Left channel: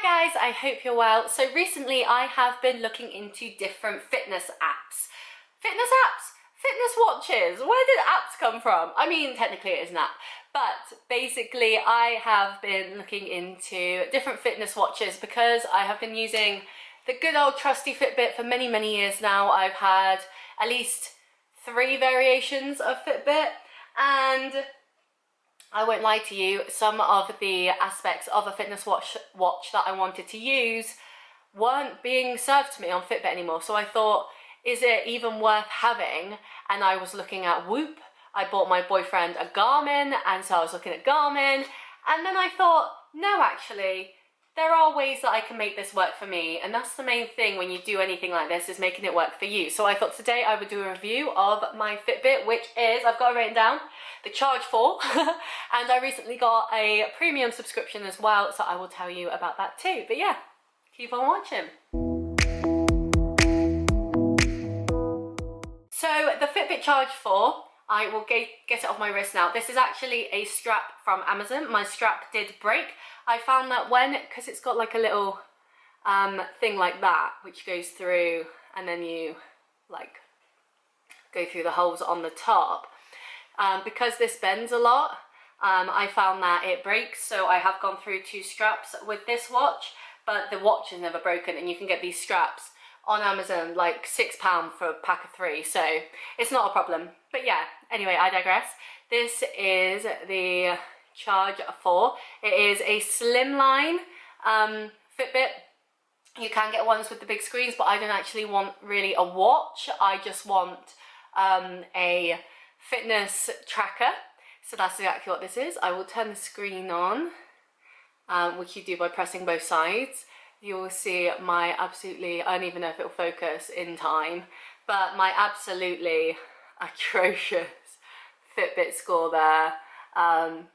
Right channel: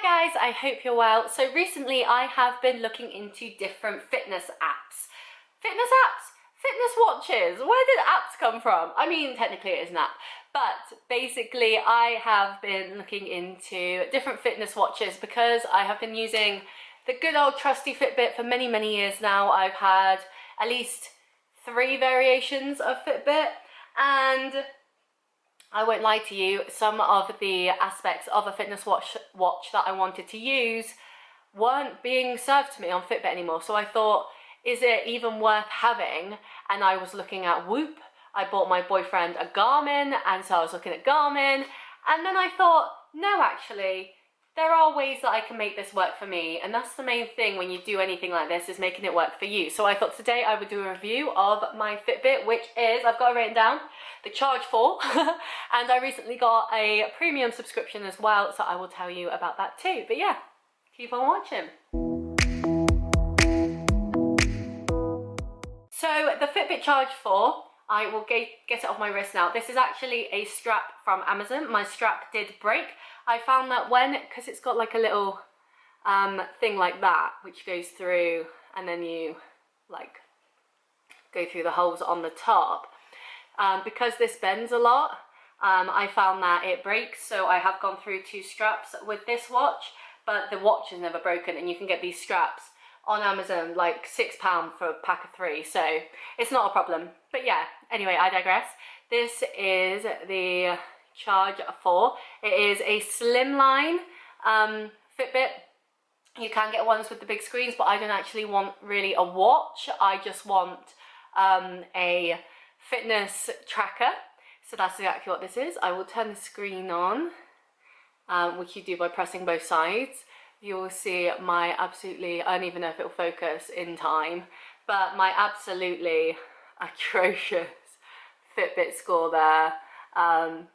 Hi guys, I hope you're well. So recently I have been looking into different fitness apps. Fitness apps? Fitness watches? Where did apps come from? I mean, technically it is an app, but basically I have been looking into different fitness watches because I have been using the good old trusty Fitbit for many years now. I've had at least 3 variations of Fitbit, and I won't lie to you, some of the aspects of a fitness watch that I wanted to use weren't being served to me on Fitbit anymore. So I thought, is it even worth having? And I was looking at Whoop. I bought my boyfriend a Garmin, and so I was looking at Garmin. And then I thought, no, actually, there are ways that I can make this work for me. And that's the main thing when you do anything like this, is making it work for you. So I thought today I would do a review of my Fitbit, which is, I've got it written down, the Charge 4. And I recently got a premium subscription as well, so I will tell you about that too. But yeah, keep on watching. So the Fitbit Charge 4, I will get it off my wrist now. This is actually a strap from Amazon. My strap did break. I found that because it's got like a little thing like that, which goes through, and then you like go through the holes on the top. Because this bends a lot, I found that it breaks, so I have gone through 2 straps with this watch, but the watch is never broken, and you can get these straps on Amazon, like £6 for a pack of 3, so it's not a problem. But yeah, anyway, I digress. This is the Charge 4. It is a slimline Fitbit. You can get ones with the big screens, but I don't actually want really a watch. I just want a fitness tracker. So that's exactly what this is. I will turn the screen on, which you do by pressing both sides. You'll see my absolutely, I don't even know if it'll focus in time, but my absolutely atrocious Fitbit score there.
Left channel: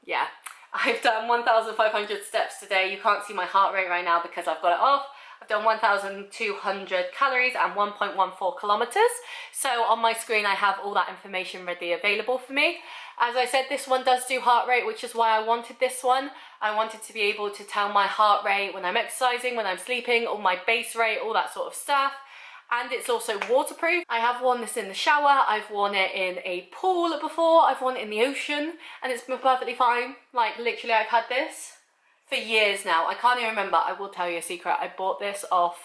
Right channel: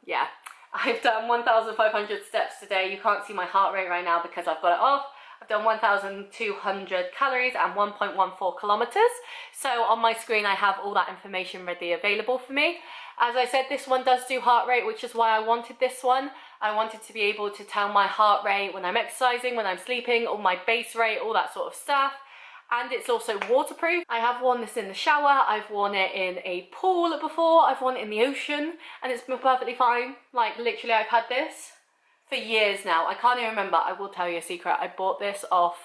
Yeah, I've done 1,500 steps today. You can't see my heart rate right now because I've got it off. I've done 1,200 calories and 1.14 kilometers. So on my screen, I have all that information readily available for me. As I said, this one does do heart rate, which is why I wanted this one. I wanted to be able to tell my heart rate when I'm exercising, when I'm sleeping, or my base rate, all that sort of stuff. And it's also waterproof. I have worn this in the shower, I've worn it in a pool before, I've worn it in the ocean, and it's been perfectly fine. Like literally, I've had this for years now. I can't even remember. I will tell you a secret. I bought this off,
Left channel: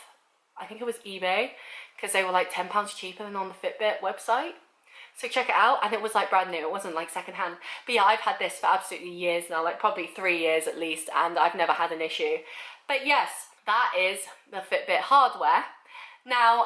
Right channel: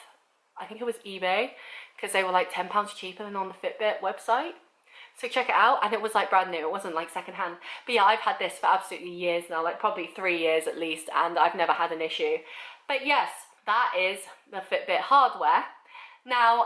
I think it was eBay, because they were like £10 cheaper than on the Fitbit website. So check it out, and it was like brand new. It wasn't like secondhand. But yeah, I've had this for absolutely years now, like probably 3 years at least, and I've never had an issue. But yes, that is the Fitbit hardware. Now,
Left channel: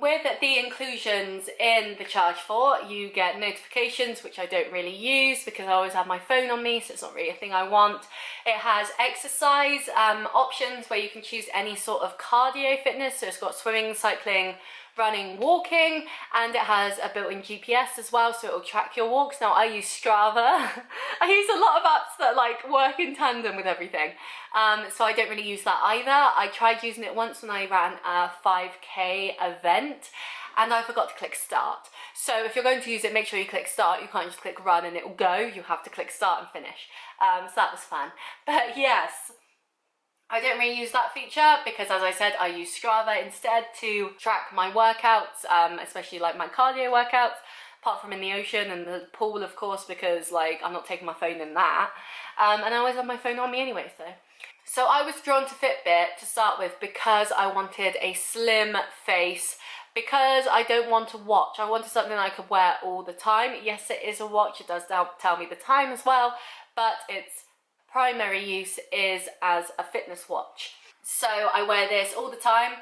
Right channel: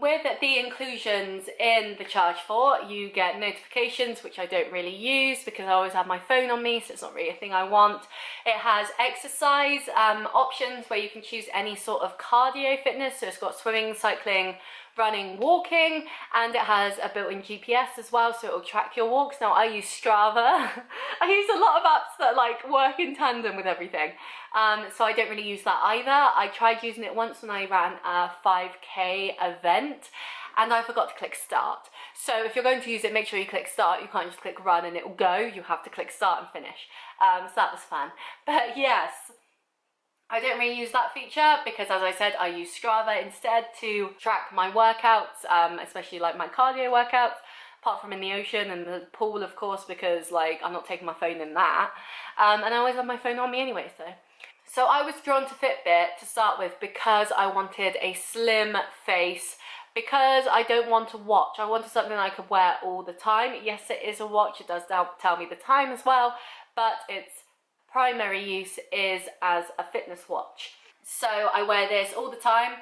with the inclusions in the Charge 4, you get notifications, which I don't really use because I always have my phone on me, so it's not really a thing I want. It has exercise options where you can choose any sort of cardio fitness, so it's got swimming, cycling, running, walking, and it has a built-in GPS as well, so it will track your walks. Now I use Strava. I use a lot of apps that like work in tandem with everything, so I don't really use that either. I tried using it once when I ran a 5K event, and I forgot to click start. So if you're going to use it, make sure you click start. You can't just click run and it will go. You have to click start and finish. So that was fun. But yes, I don't really use that feature because, as I said, I use Strava instead to track my workouts, especially like my cardio workouts, apart from in the ocean and the pool, of course, because like I'm not taking my phone in that. And I always have my phone on me anyway, so I was drawn to Fitbit to start with because I wanted a slim face, because I don't want a watch. I wanted something I could wear all the time. Yes, it is a watch. It does tell me the time as well, but its primary use is as a fitness watch. So I wear this all the time.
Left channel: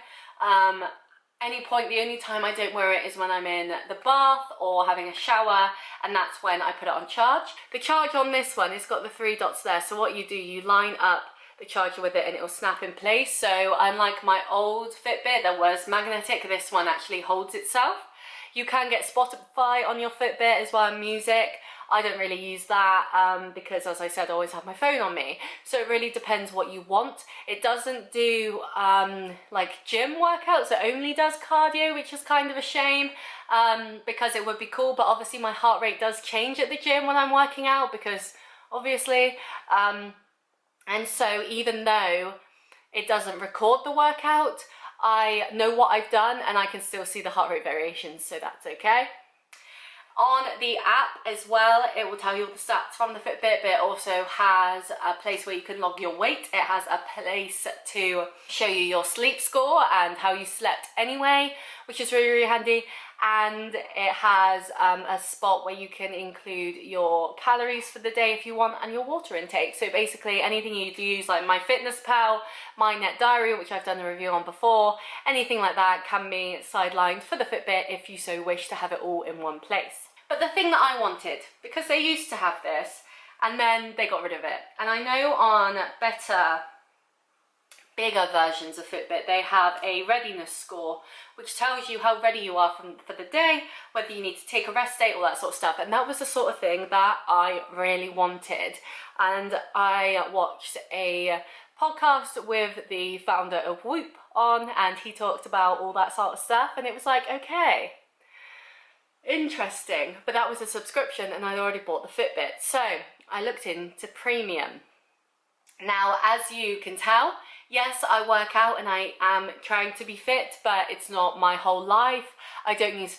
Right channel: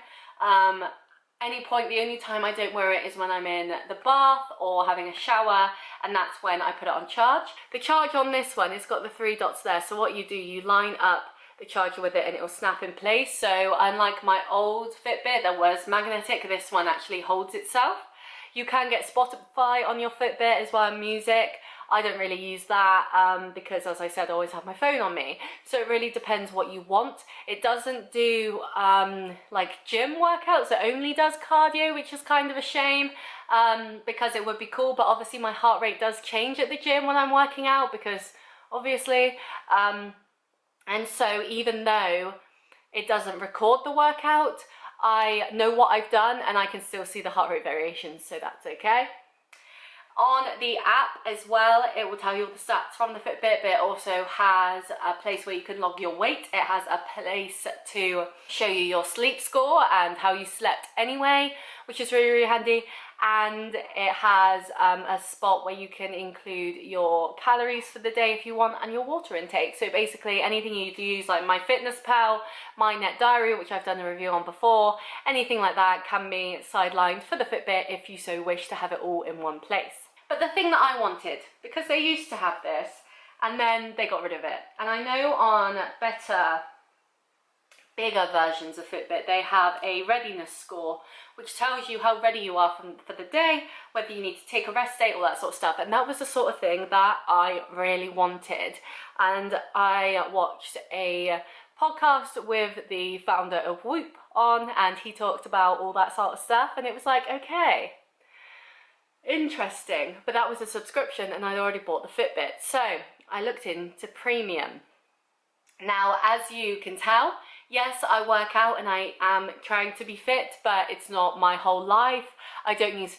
The only time I don't wear it is when I'm in the bath or having a shower, and that's when I put it on charge. The charge on this one, it's got the 3 dots there, so what you do, you line up the charger with it and it will snap in place. So unlike my old Fitbit that was magnetic, this one actually holds itself. You can get Spotify on your Fitbit as well, and music. I don't really use that because, as I said, I always have my phone on me. So it really depends what you want. It doesn't do like gym workouts. It only does cardio, which is kind of a shame because it would be cool. But obviously my heart rate does change at the gym when I'm working out because obviously. And so even though it doesn't record the workout. I know what I've done and I can still see the heart rate variations, so that's okay. On the app as well, it will tell you all the stats from the Fitbit, but it also has a place where you can log your weight. It has a place to show you your sleep score and how you slept anyway, which is really, really handy. And it has a spot where you can include your calories for the day if you want, and your water intake. So basically anything you'd use, like MyFitnessPal, My Net Diary, which I've done a review on before, anything like that can be sidelined for the Fitbit if you so wish to have it all in one place. But the thing that I wanted, because they used to have this and then they got rid of it, and I know on better, bigger versions of Fitbit they have a readiness score which tells you how ready you are for the day, whether you need to take a rest day, all that sort of stuff. And that was the sort of thing that I really wanted. And I watched a podcast with the founder of Whoop on, and he talked about all that sort of stuff, and it was like, okay, interesting. But that was a subscription and I'd already bought the Fitbit, so I looked into Premium. Now, as you can tell, yes, I work out and I am trying to be fit, but it's not my whole life. I don't use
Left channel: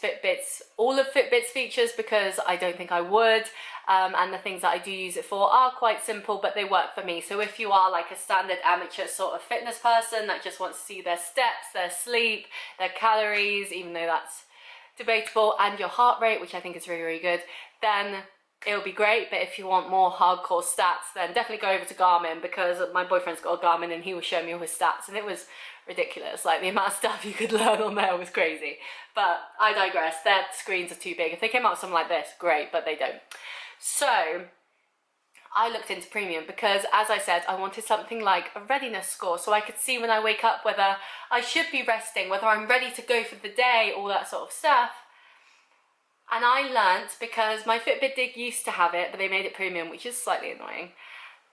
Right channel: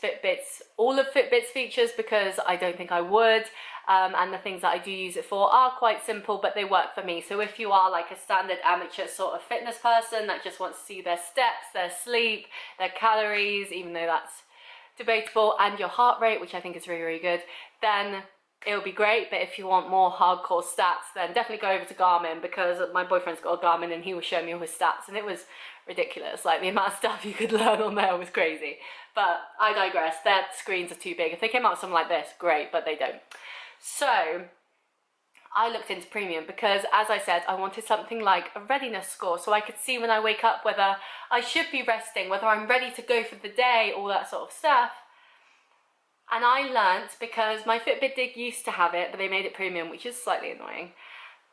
all of Fitbit's features because I don't think I would, and the things that I do use it for are quite simple, but they work for me. So if you are like a standard amateur sort of fitness person that just wants to see their steps, their sleep, their calories, even though that's debatable, and your heart rate, which I think is really, really good, then it'll be great. But if you want more hardcore stats, then definitely go over to Garmin, because my boyfriend's got a Garmin and he was showing me all his stats and it was ridiculous. Like, the amount of stuff you could learn on there was crazy. But I digress. Their screens are too big. If they came out with something like this, great, but they don't. So I looked into Premium because, as I said, I wanted something like a readiness score, so I could see when I wake up whether I should be resting, whether I'm ready to go for the day, all that sort of stuff. And I learnt, because my Fitbit used to have it, but they made it Premium, which is slightly annoying,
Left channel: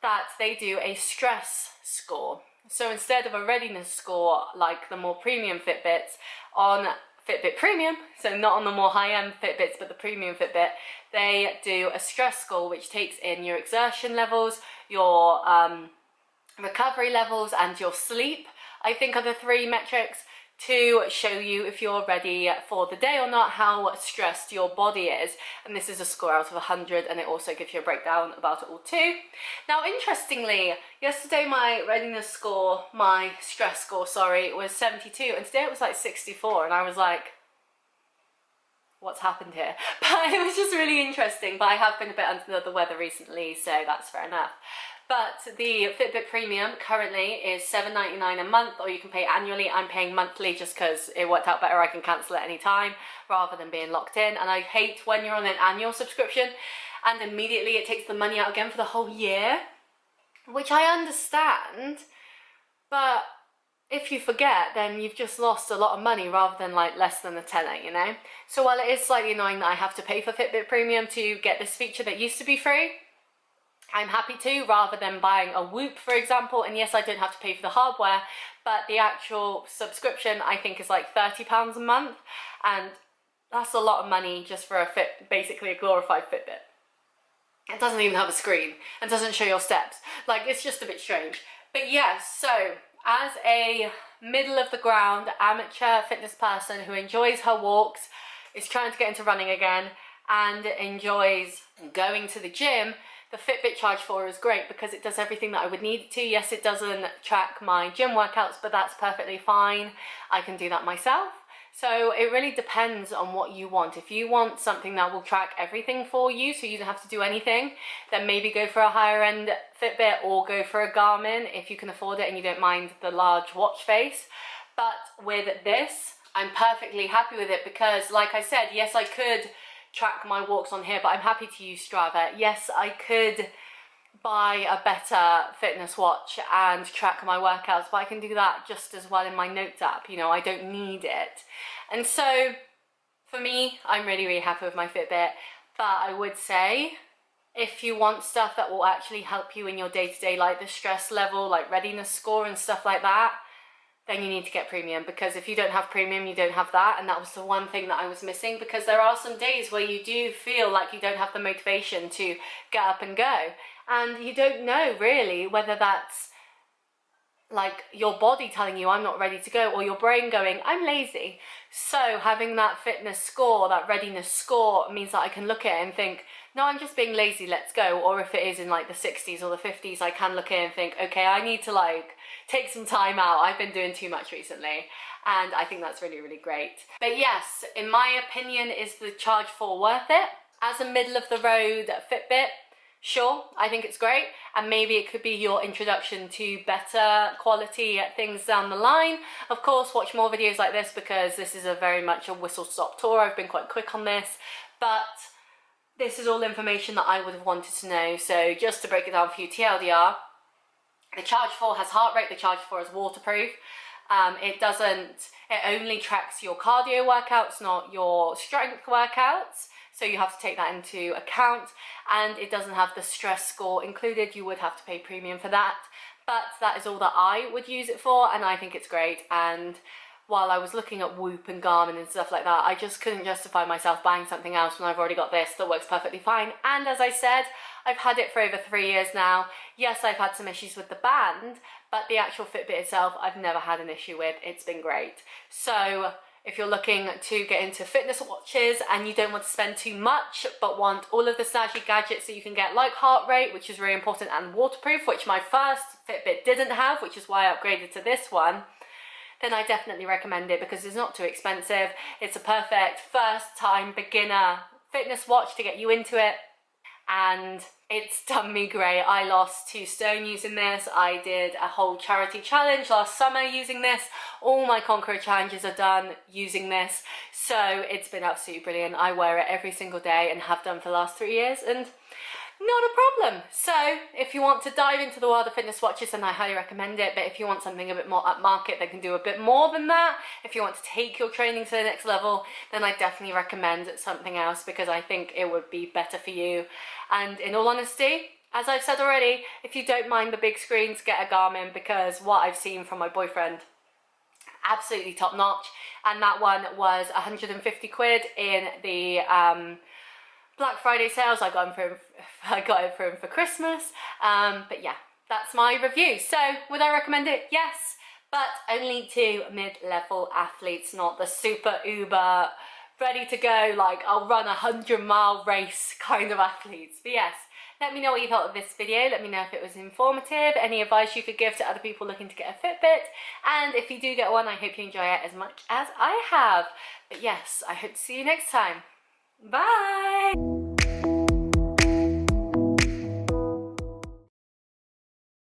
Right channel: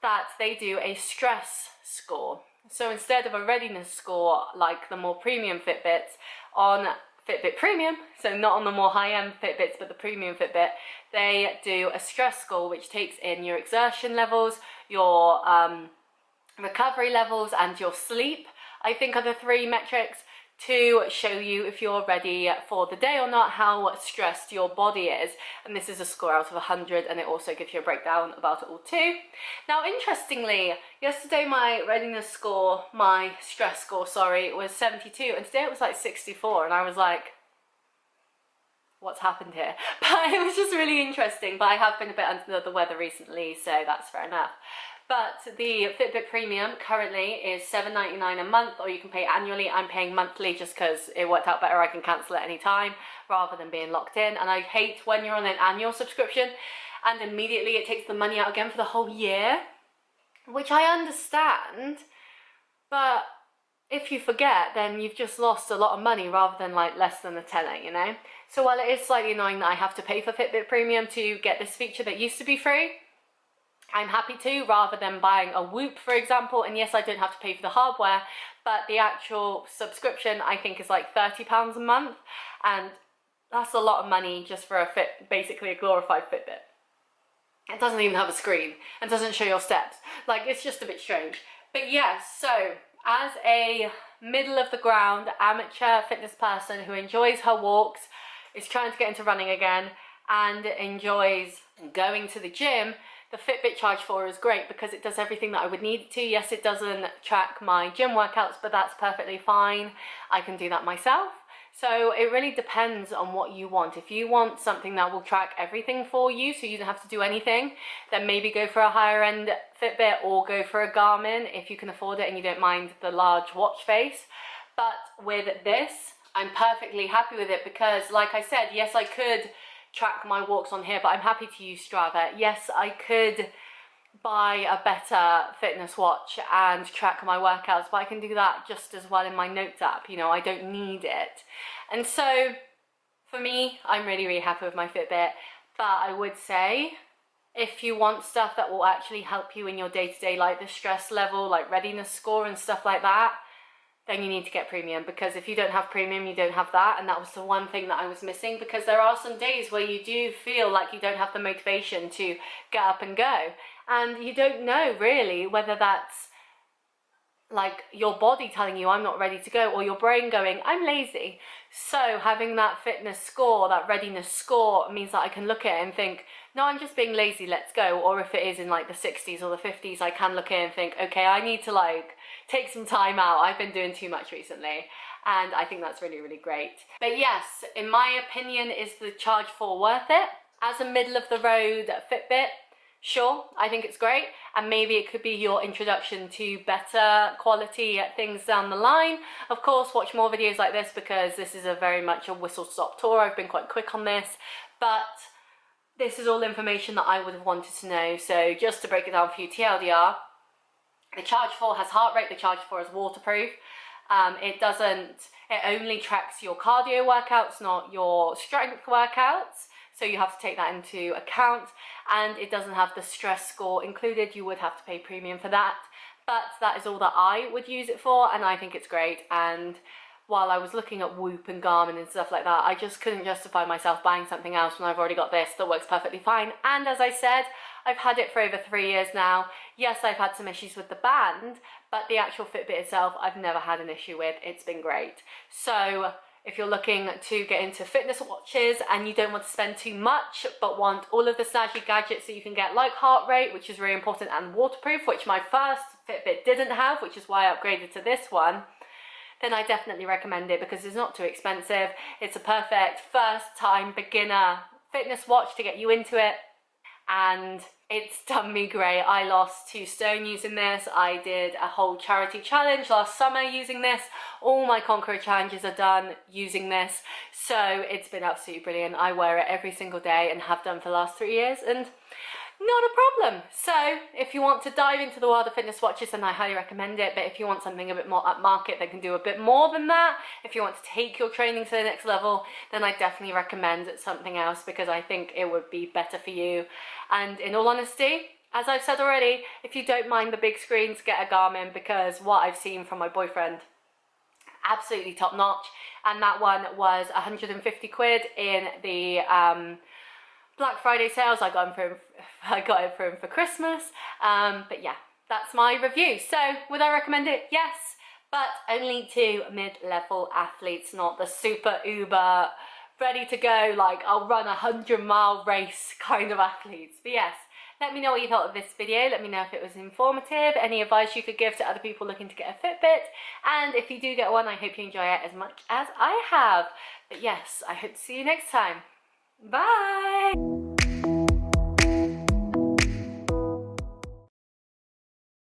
that they do a stress score. So instead of a readiness score like the more premium Fitbits, on Fitbit Premium, so not on the more high-end Fitbits, but the premium Fitbit, they do a stress score which takes in your exertion levels, your recovery levels, and your sleep, I think, are the three metrics, to show you if you're ready for the day or not, how stressed your body is. And this is a score out of 100, and it also gives you a breakdown about it all too. Now, interestingly, yesterday my readiness score, my stress score, sorry, was 72, and today it was like 64, and I was like, what's happened here? But it was just really interesting. But I have been a bit under the weather recently, so that's fair enough. But the Fitbit Premium currently is $7.99 a month, or you can pay annually. I'm paying monthly just because it worked out better. I can cancel at any time rather than being locked in. And I hate when you're on an annual subscription and immediately it takes the money out again for the whole year, which I understand. But if you forget, then you've just lost a lot of money rather than like less than a tenner, you know? So while it is slightly annoying that I have to pay for Fitbit Premium to get this feature that used to be free, I'm happy to, rather than buying a Whoop, for example. And yes, I don't have to pay for the hardware, but the actual subscription I think is like £30 a month, and that's a lot of money just for basically a glorified Fitbit. It doesn't even have a screen and doesn't show your steps. Like, it's just a bit strange. But yes, so as a middle of the ground amateur fitness person who enjoys her walks, is trying to get into running again, and enjoys going to the gym, the Fitbit Charge 4 is great because it does everything that I would need it to. Yes, it doesn't track my gym workouts, but that's perfectly fine. I can do that myself. So it really depends on what you want. If you want something that will track everything for you so you don't have to do anything, then maybe go for a higher end Fitbit or go for a Garmin if you can afford it and you don't mind the large watch face. But with this, I'm perfectly happy with it because, like I said, yes, I could track my walks on here, but I'm happy to use Strava. Yes, I could buy a better fitness watch and track my workouts, but I can do that just as well in my notes app. You know, I don't need it. And so for me, I'm really, really happy with my Fitbit. But I would say, if you want stuff that will actually help you in your day-to-day, like the stress level, like readiness score and stuff like that, then you need to get Premium, because if you don't have Premium, you don't have that. And that was the one thing that I was missing, because there are some days where you do feel like you don't have the motivation to get up and go, and you don't know really whether that's like your body telling you I'm not ready to go, or your brain going I'm lazy. So having that fitness score, that readiness score, means that I can look at it and think, no, I'm just being lazy, let's go. Or if it is in like the 60s or the 50s, I can look at it and think, okay, I need to like take some time out, I've been doing too much recently. And I think that's really, really great. But yes, in my opinion, is the Charge 4 worth it? As a middle of the road Fitbit, sure, I think it's great, and maybe it could be your introduction to better quality things down the line. Of course, watch more videos like this, because this is a very much a whistle-stop tour. I've been quite quick on this, but this is all information that I would have wanted to know. So just to break it down for you, TLDR, the Charge 4 has heart rate, the Charge 4 is waterproof. It only tracks your cardio workouts, not your strength workouts. So you have to take that into account, and it doesn't have the stress score included. You would have to pay premium for that, but that is all that I would use it for, and I think it's great. And while I was looking at Whoop and Garmin and stuff like that, I just couldn't justify myself buying something else when I've already got this that works perfectly fine. And as I said, I've had it for over 3 years now. Yes, I've had some issues with the band, but the actual Fitbit itself, I've never had an issue with. It's been great. So if you're looking to get into fitness watches and you don't want to spend too much, but want all of the snazzy gadgets that you can get, like heart rate, which is really important, and waterproof, which my first Fitbit didn't have, which is why I upgraded to this one, then I definitely recommend it, because it's not too expensive. It's a perfect first time beginner fitness watch to get you into it, and it's done me great. I lost 2 stone using this. I did a whole charity challenge last summer using this. All my Conqueror challenges are done using this. So it's been absolutely brilliant. I wear it every single day and have done for the last 3 years, and not a problem. So if you want to dive into the world of fitness watches, then I highly recommend it. But if you want something a bit more upmarket that can do a bit more than that, if you want to take your training to the next level, then I definitely recommend something else, because I think it would be better for you. And in all honesty, as I've said already, if you don't mind the big screens, get a Garmin, because what I've seen from my boyfriend, absolutely top notch. And that one was 150 quid in the Black Friday sales. I got it for him for Christmas. But yeah, that's my review. So would I recommend it? Yes, but only to mid-level athletes, not the super uber ready to go, like I'll run a 100-mile race kind of athletes. But yes, let me know what you thought of this video. Let me know if it was informative, any advice you could give to other people looking to get a Fitbit. And if you do get one, I hope you enjoy it as much as I have. But yes, I hope to see you next time. Bye!